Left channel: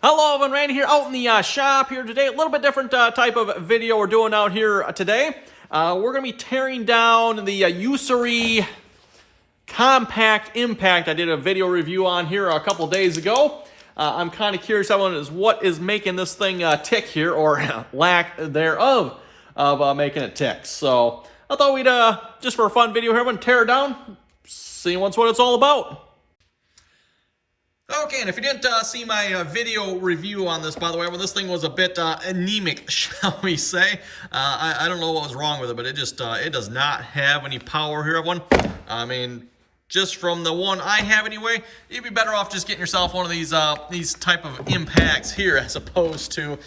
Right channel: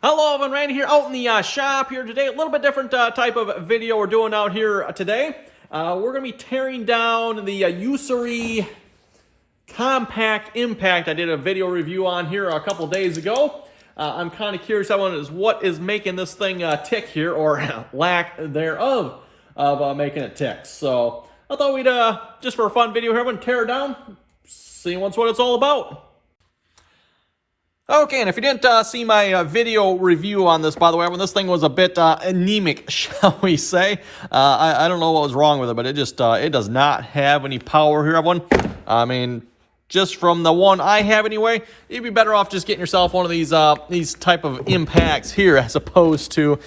Hello, everyone. Randy here out in the shop here today. A little bit different type of video we're doing out here today. We're going to be tearing down the Urceri Compact Impact. I did a video review on here a couple days ago. I'm kind of curious what is making this thing tick here, or lack thereof of making it tick. So I thought we'd, just for a fun video here, I'm going to tear it down, see what it's all about. Okay, and if you didn't see my video review on this, by the way, when this thing was a bit anemic, shall we say. I don't know what was wrong with it, but it just, it does not have any power here, everyone. I mean, just from the one I have anyway, you'd be better off just getting yourself one of these type of impacts here as opposed to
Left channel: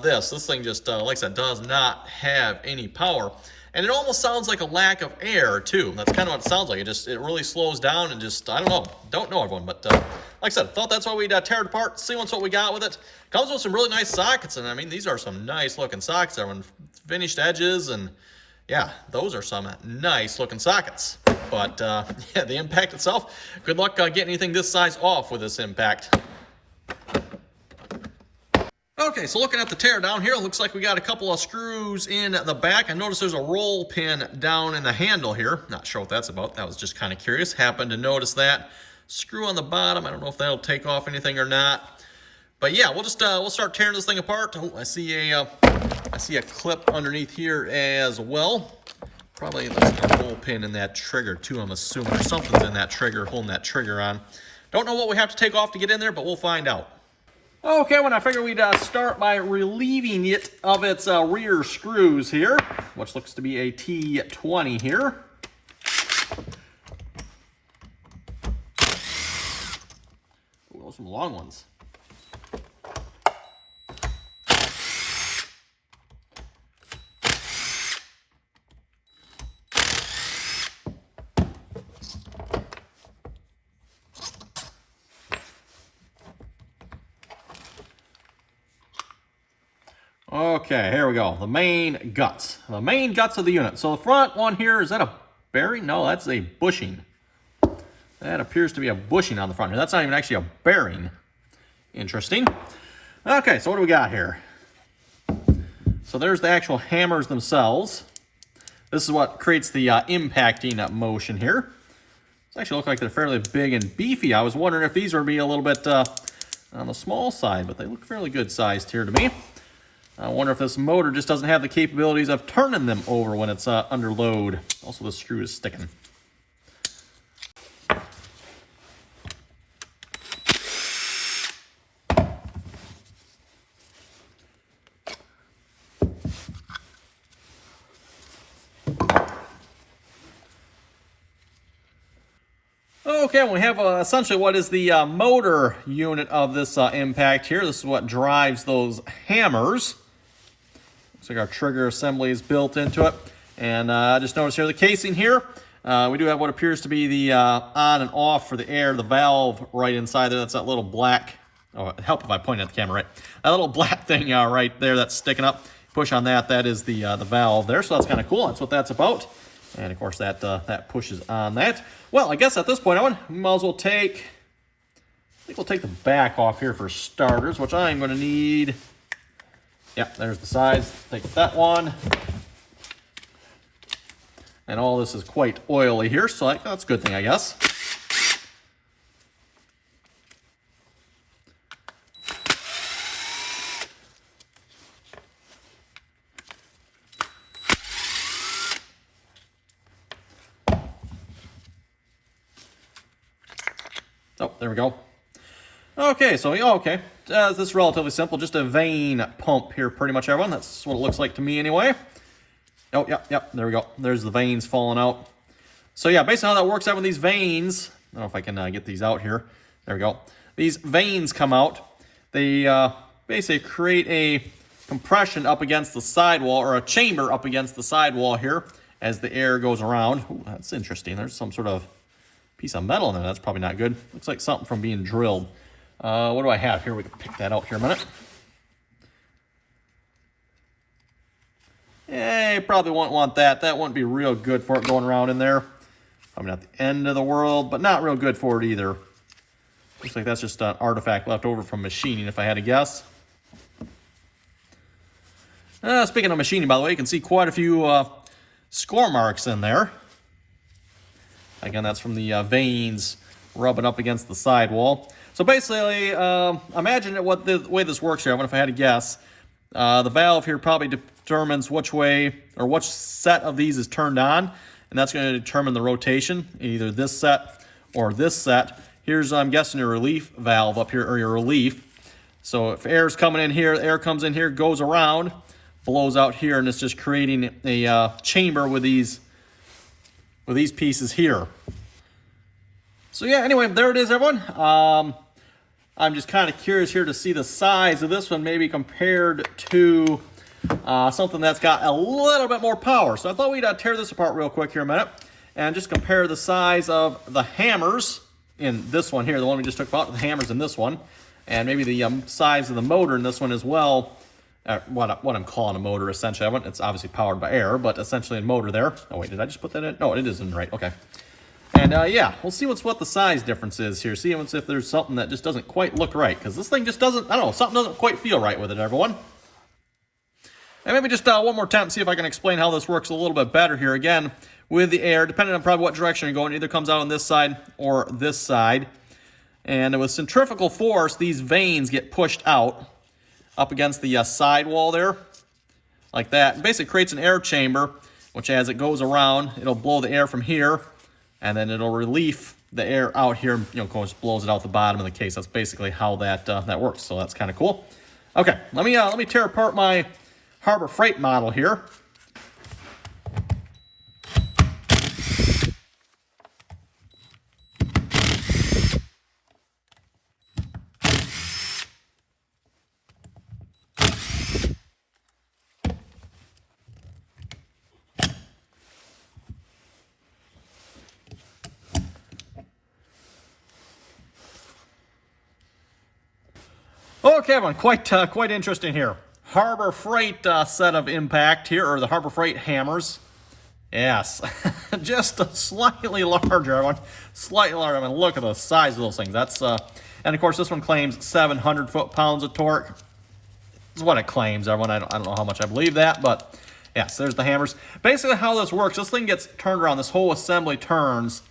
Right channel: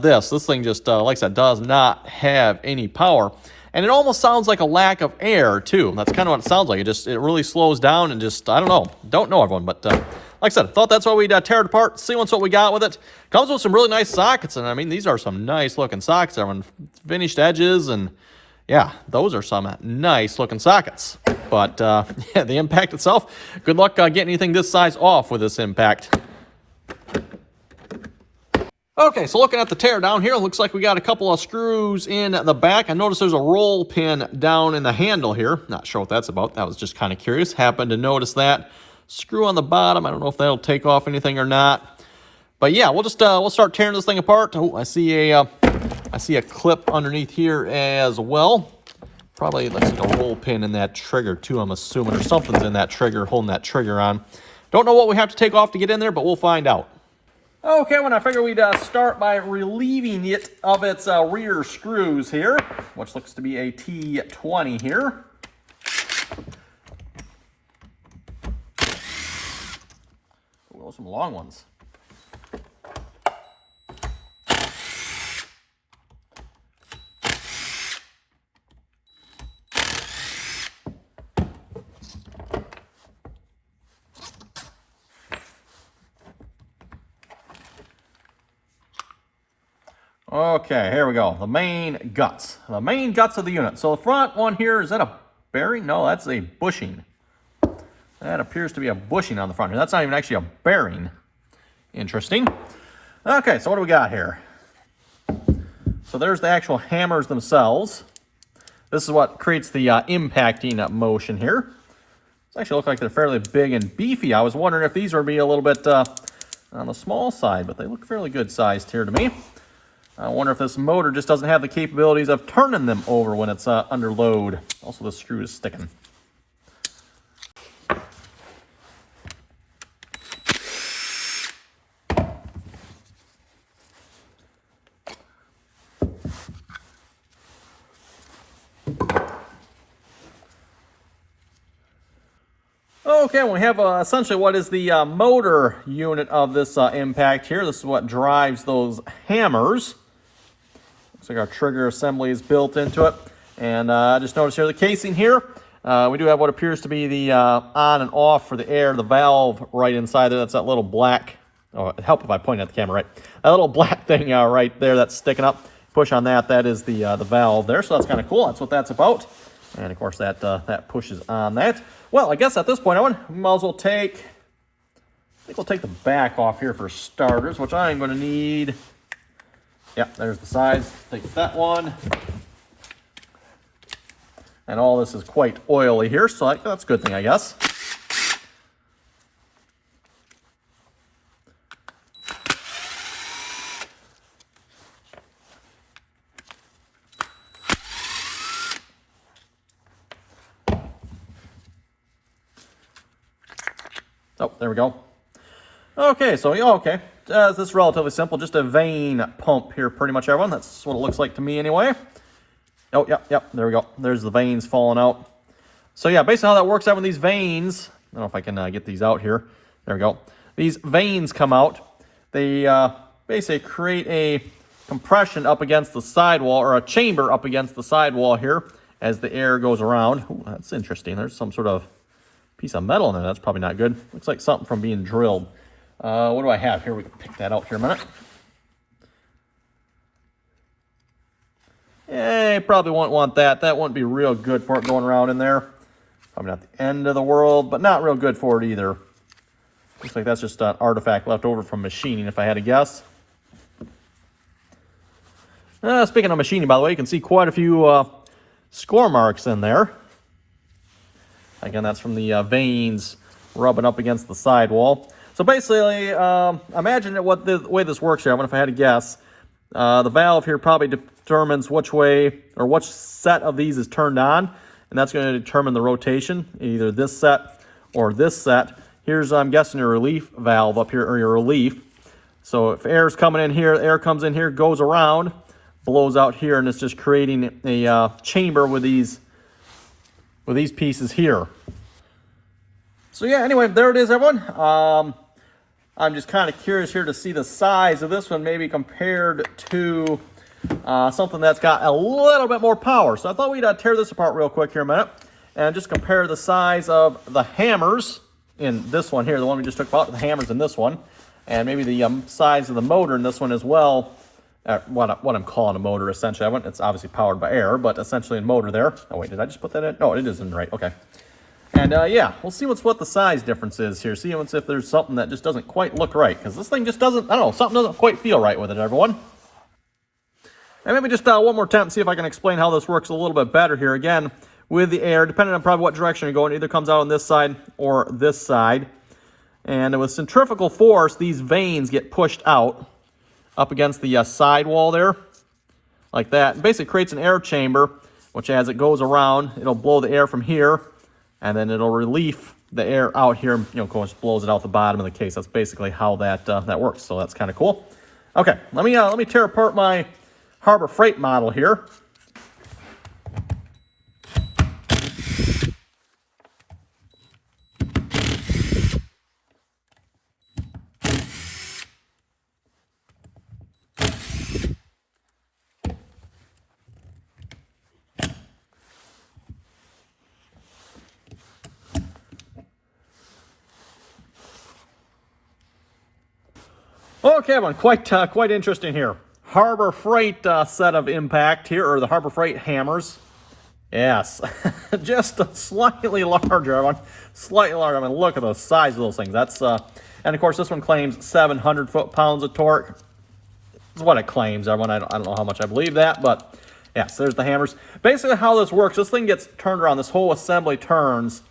this. This thing just, like I said, does not have any power. And it almost sounds like a lack of air, too. That's kind of what it sounds like. It really slows down and just, I don't know everyone, but like I said, I thought that's why we'd tear it apart, see what we got with it. Comes with some really nice sockets, and I mean, these are some nice looking sockets, everyone. Finished edges, and yeah, those are some nice looking sockets. But yeah, the impact itself, good luck getting anything this size off with this impact. Okay, so looking at the tear down here, looks like we got a couple of screws in the back. I noticed there's a roll pin down in the handle here. Not sure what that's about. That was just kind of curious. Happened to notice that. Screw on the bottom. I don't know if that'll take off anything or not. But yeah, we'll just we'll start tearing this thing apart. Oh, I see a clip underneath here as well. Probably that's a roll pin in that trigger too, I'm assuming, or something's in that trigger holding that trigger on. Don't know what we have to take off to get in there, but we'll find out. Okay, well, I figured we'd start by relieving it of its rear screws here, which looks to be a T20 here. Ooh, those are some long ones. Okay, here we go. The main guts. The main guts of the unit. So the front one here, is that a bearing? No, that's a bushing. That appears to be a bushing on the front here. That's not even actually a bearing. Interesting. Okay, so what do we got here? So there's the actual hammers themselves. This is what creates the impacting motion here. These actually look like they're fairly big and beefy. I was wondering if these would be a little bit on the small side, but they look fairly good sized here to me. I wonder if this motor just doesn't have the capabilities of turning them over when it's under load. Also, the screw is sticking. Okay, we have essentially what is the motor unit of this impact here. This is what drives those hammers. Looks like our trigger assembly is built into it. And I just noticed here the casing here. We do have what appears to be the on and off for the air, the valve right inside there. That's that little black, oh, it'd help if I point at the camera, right? That little black thing right there that's sticking up. Push on that, that is the valve there. So that's kind of cool. That's what that's about. And of course that pushes on that. Well, I guess at this point, we might as well I think we'll take the back off here for starters, which I'm going to need. Yep, there's the sides. Take that one. And all this is quite oily here, so that's a good thing, I guess. Oh, there we go. Okay, so, okay. This is relatively simple. Just a vein pump here, pretty much, everyone. That's what it looks like to me, anyway. Oh, yep, there we go. There's the veins falling out. So, yeah, basically how that works out with these veins, I don't know if I can get these out here. There we go. These veins come out. They basically create a compression up against the sidewall, or a chamber up against the sidewall here as the air goes around. Ooh, that's interesting. There's some sort of piece of metal in there. That's probably not good. Looks like something from being drilled. What do I have here? We can pick that out here a minute. Yeah, you probably won't want that. That wouldn't be real good for it going around in there. Probably not the end of the world, but not real good for it either. Looks like that's just an artifact left over from machining, if I had to guess. Speaking of machining, by the way, you can see quite a few score marks in there. Again, that's from the veins rubbing up against the sidewall. So basically, imagine what the way this works here. I wonder if I had to guess. The valve here probably determines which way or which set of these is turned on, and that's going to determine the rotation, either this set or this set. Here's, I'm guessing, your relief valve up here, or your relief. So if air's coming in here, air comes in here, goes around, blows out here, and it's just creating a chamber with these pieces here. So yeah, anyway, there it is, everyone. I'm just kind of curious here to see the size of this one, maybe compared to something that's got a little bit more power. So I thought we'd tear this apart real quick here a minute and just compare the size of the hammers in this one here, the one we just took out, the hammers in this one, and maybe the size of the motor in this one as well. What I'm calling a motor, essentially. It's obviously powered by air, but essentially a motor there. Oh wait, did I just put that in? No, it isn't right. Okay. And yeah, we'll see what the size difference is here. See if there's something that just doesn't quite look right, because this thing just doesn't, I don't know, something doesn't quite feel right with it, everyone. And maybe just one more attempt, see if I can explain how this works a little bit better here. Again, with the air, depending on probably what direction you're going, it either comes out on this side or this side. And with centrifugal force, these veins get pushed out up against the sidewall there, like that. It basically creates an air chamber, which as it goes around, it'll blow the air from here, and then it'll relieve the air out here, of course, blows it out the bottom of the case. That's basically how that works, so that's kind of cool. Okay, let me tear apart my Harbor Freight model here. Okay, everyone, quite interesting here. Harbor Freight set of impact here, or the Harbor Freight hammers. Yes, just slightly larger, everyone. Slightly larger. I mean, look at the size of those things. That's and of course this one claims 700 foot-pounds of torque. That's what it claims, everyone. I don't know how much I believe that, but yes, there's the hammers. Basically, how this works, this thing gets turned around. This whole assembly turns,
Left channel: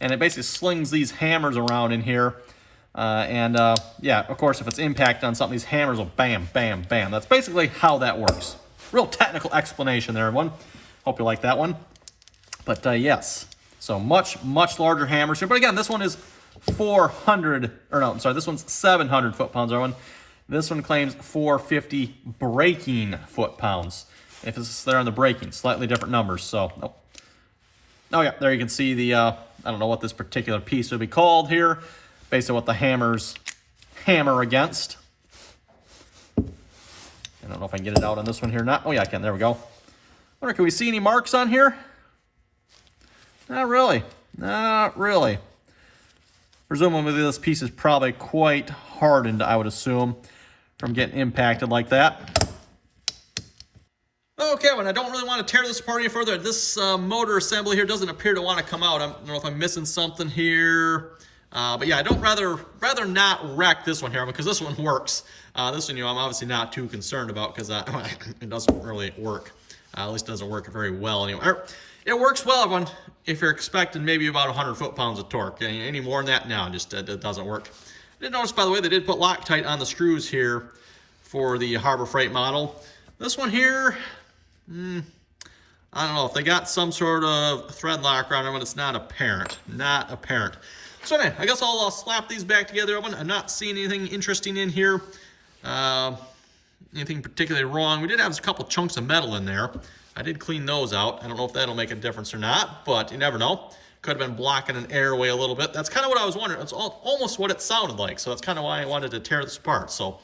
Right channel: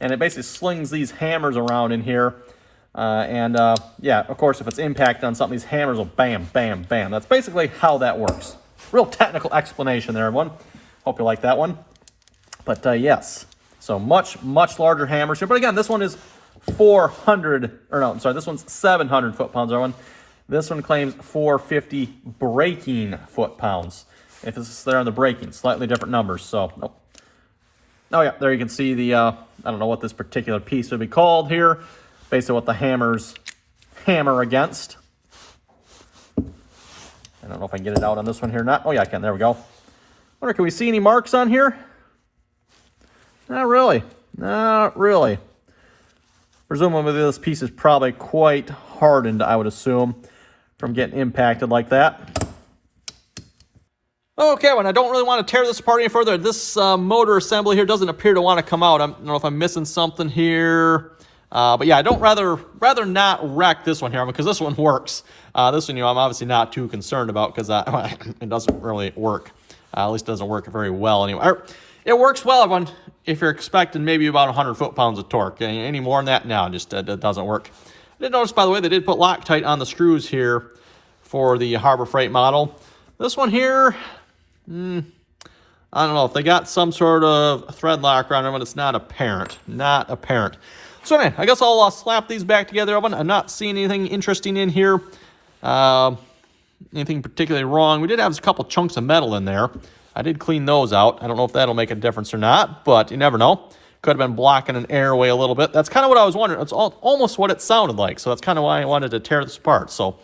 and it basically slings these hammers around in here. Yeah, of course, if it's impact on something, these hammers will bam, bam, bam. That's basically how that works. Real technical explanation there, everyone. Hope you like that one. But yes, so much larger hammers here. But again, this one is 400, or no, I'm sorry, this one's 700 foot-pounds, everyone. This one claims 450 braking foot-pounds. If it's there on the braking, slightly different numbers. So, oh yeah, there you can see the, I don't know what this particular piece would be called here. Basically what the hammers hammer against. I don't know if I can get it out on this one here or not. Oh yeah, I can. There we go. Wonder, can we see any marks on here? Not really. Not really. Presumably this piece is probably quite hardened, I would assume, from getting impacted like that. Okay, well, I don't really want to tear this apart any further. This motor assembly here doesn't appear to want to come out. I don't know if I'm missing something here. But yeah, I don't rather not wreck this one here, because this one works. This one, I'm obviously not too concerned about, because it doesn't really work. At least it doesn't work very well anyway. It works well, everyone, if you're expecting maybe about 100 foot-pounds of torque. Any more than that, no, just it doesn't work. I did notice, by the way, they did put Loctite on the screws here for the Harbor Freight model. This one here, I don't know if they got some sort of thread lock around it, but it's not apparent. Not apparent. So anyway, I guess I'll slap these back together. I'm not seeing anything interesting in here. Anything particularly wrong. We did have a couple chunks of metal in there. I did clean those out. I don't know if that'll make a difference or not, but you never know. Could have been blocking an airway a little bit. That's kind of what I was wondering. It's almost what it sounded like, so that's kind of why I wanted to tear this apart. So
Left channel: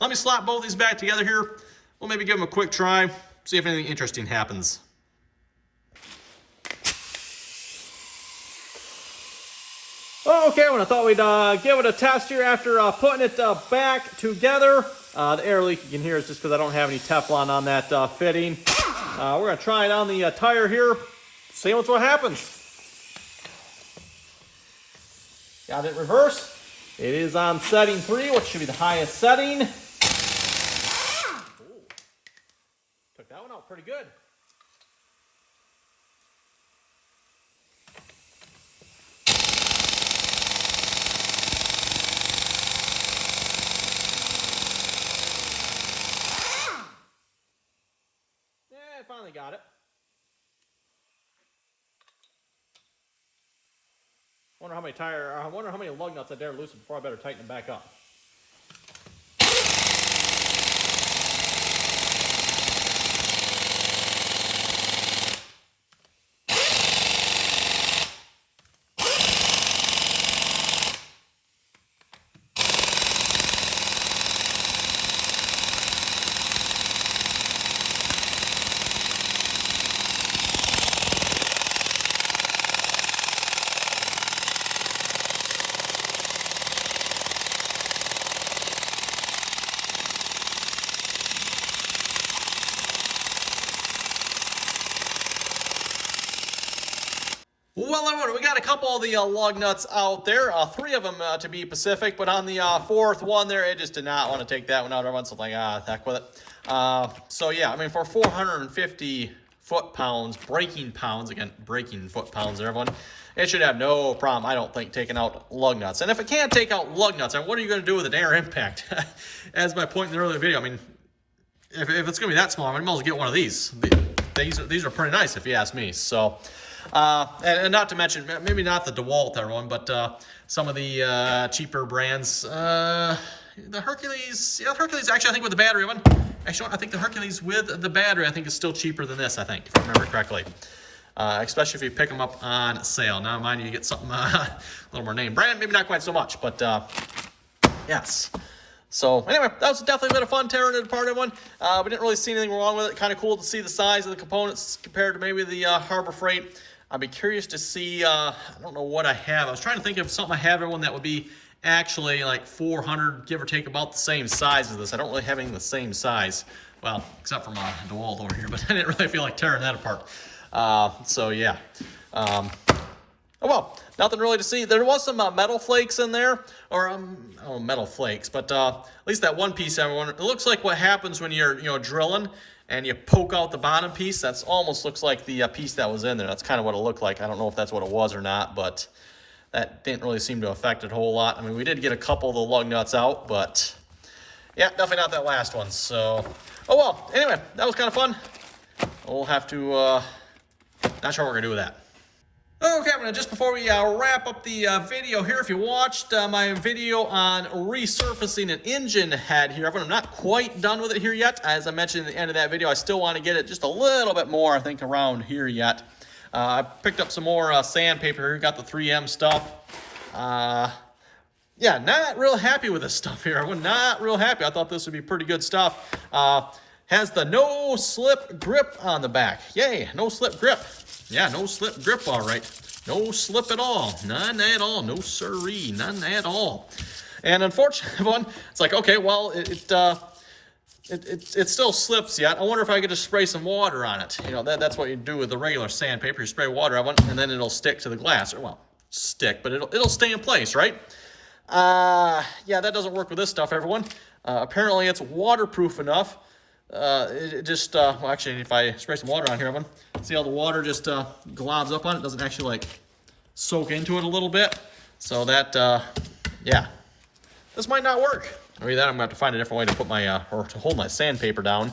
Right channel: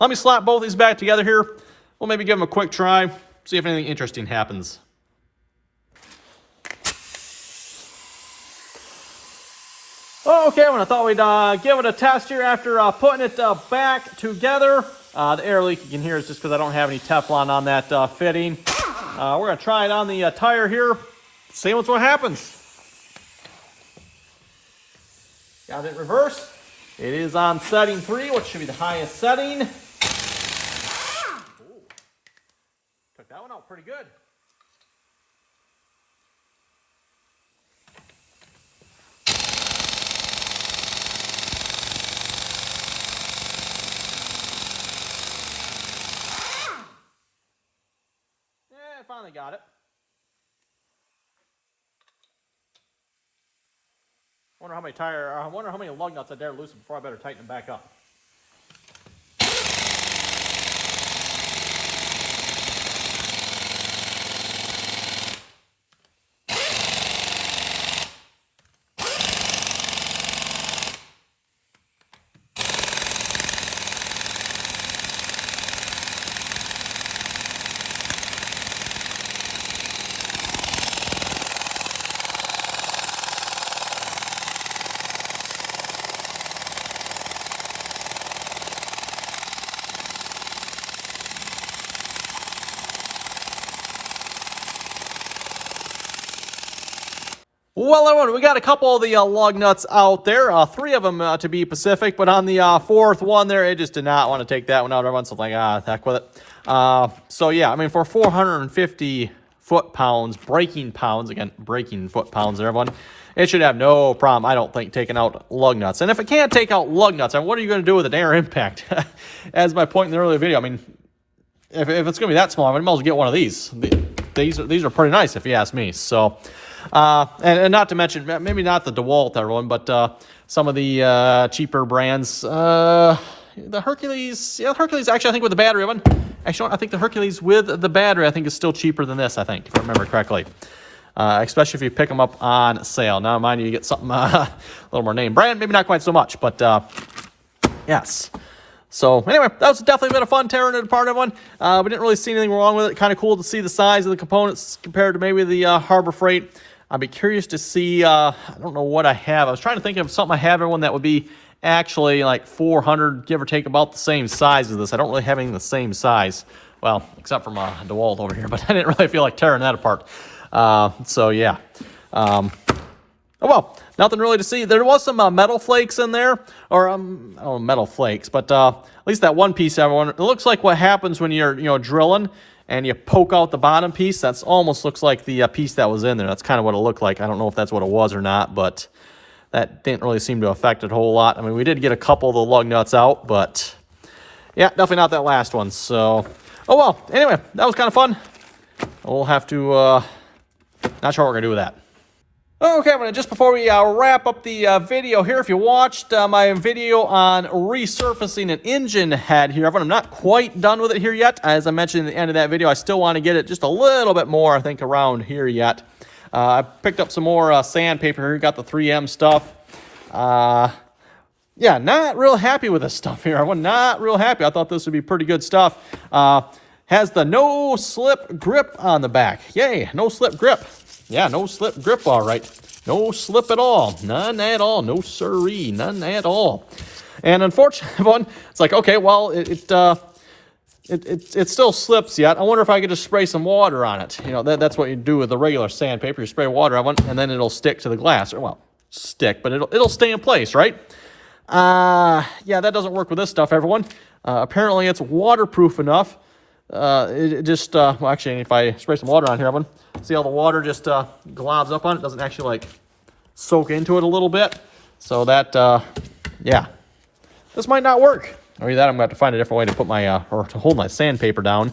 let me slap both these back together here. We'll maybe give them a quick try, see if anything interesting happens. Okay, I thought we'd give it a test here after putting it back together. The air leak you can hear is just because I don't have any Teflon on that fitting. We're going to try it on the tire here, see what happens. Got it in reverse. It is on setting 3, which should be the highest setting. Ooh. Took that one out pretty good. I finally got it. I wonder how many lug nuts I dare loosen before I better tighten them back up. Well, everyone, we got a couple of the lug nuts out there. 3 of them to be Pacific, but on the 4th one there, it just did not want to take that one out. Everyone's like, heck with it. So, yeah, I mean, for 450 foot-pounds, braking pounds, again, braking foot-pounds there, everyone, it should have no problem, I don't think, taking out lug nuts. And if it can't take out lug nuts, what are you going to do with an air impact? As my point in the earlier video, I mean, if it's going to be that small, I might as well get one of these. These are pretty nice, if you ask me. So... and not to mention, maybe not the DeWalt, everyone, but some of the cheaper brands. The Hercules, Hercules actually, I think with the battery one. Actually, I think the Hercules with the battery, I think is still cheaper than this, I think, if I remember correctly. Especially if you pick them up on sale. Now, mind you, you get something a little more name brand, maybe not quite so much, but yes. So anyway, that was definitely been a fun tearing it apart, everyone. We didn't really see anything wrong with it. Kind of cool to see the size of the components compared to maybe the Harbor Freight. I'd be curious to see, I don't know what I have. I was trying to think of something I have, everyone, that would be actually like 400, give or take, about the same size as this. I don't really have anything the same size. Well, except for my DeWalt over here, but I didn't really feel like tearing that apart. So yeah. Oh well, nothing really to see. There was some metal flakes in there, or I don't know, metal flakes, but at least that one piece, everyone, it looks like what happens when you're drilling and you poke out the bottom piece. That's almost looks like the piece that was in there. That's kind of what it looked like. I don't know if that's what it was or not, but that didn't really seem to affect it a whole lot. I mean, we did get a couple of the lug nuts out, but yeah, definitely not that last one. So, oh well. Anyway, that was kind of fun. We'll have to, not sure what we're going to do with that. Okay, just before we wrap up the video here, if you watched my video on resurfacing an engine head here, I'm not quite done with it here yet. As I mentioned at the end of that video, I still want to get it just a little bit more, I think, around here yet. I picked up some more sandpaper here, got the 3M stuff. Yeah, not real happy with this stuff here. I'm not real happy. I thought this would be pretty good stuff. Has the no slip grip on the back. Yay, no slip grip. Yeah, no slip grip, all right. No slip at all. None at all. No siree. None at all. And unfortunately, it's like, okay, well, it still slips yet. I wonder if I could just spray some water on it. You know, that's what you do with the regular sandpaper. You spray water on it, and then it'll stick to the glass. Well, stick, but it'll stay in place, right? Yeah, that doesn't work with this stuff, everyone. Apparently, it's waterproof enough. It just, well, actually, if I spray some water on here, everyone, see how the water just globs up on it? Doesn't actually, like, soak into it a little bit. So that, yeah, this might not work. Or either that, I'm going to have to find a different way to put my, or to hold my sandpaper down.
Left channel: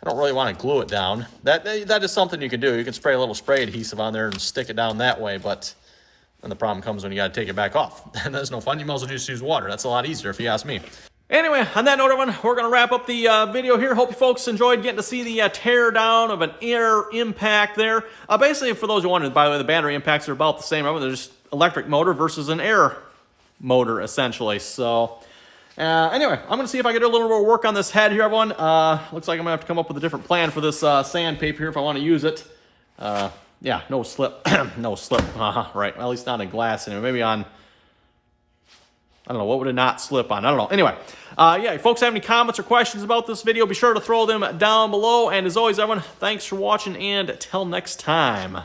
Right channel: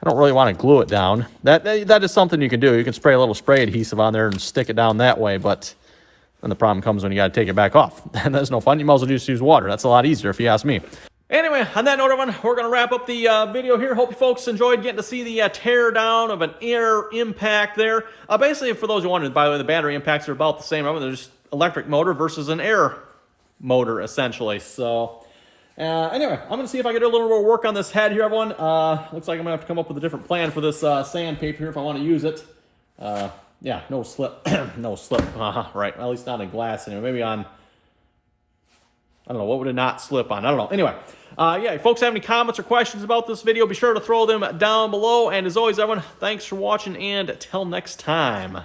I don't really want to glue it down. That is something you can do. You can spray a little spray adhesive on there and stick it down that way, but then the problem comes when you got to take it back off. That's no fun. You might as well just use water. That's a lot easier if you ask me. Anyway, on that note, everyone, we're going to wrap up the video here. Hope you folks enjoyed getting to see the tear down of an air impact there. Basically, for those who wondered, by the way, the battery impacts are about the same. They're just electric motor versus an air motor, essentially. So, anyway, I'm going to see if I can do a little more work on this head here, everyone. Looks like I'm going to have to come up with a different plan for this sandpaper here if I want to use it. Yeah, no slip. No slip. Right, well, at least not in glass anyway. Maybe on... I don't know, what would it not slip on? I don't know. Anyway, yeah, if folks have any comments or questions about this video, be sure to throw them down below. And as always, everyone, thanks for watching, and till next time.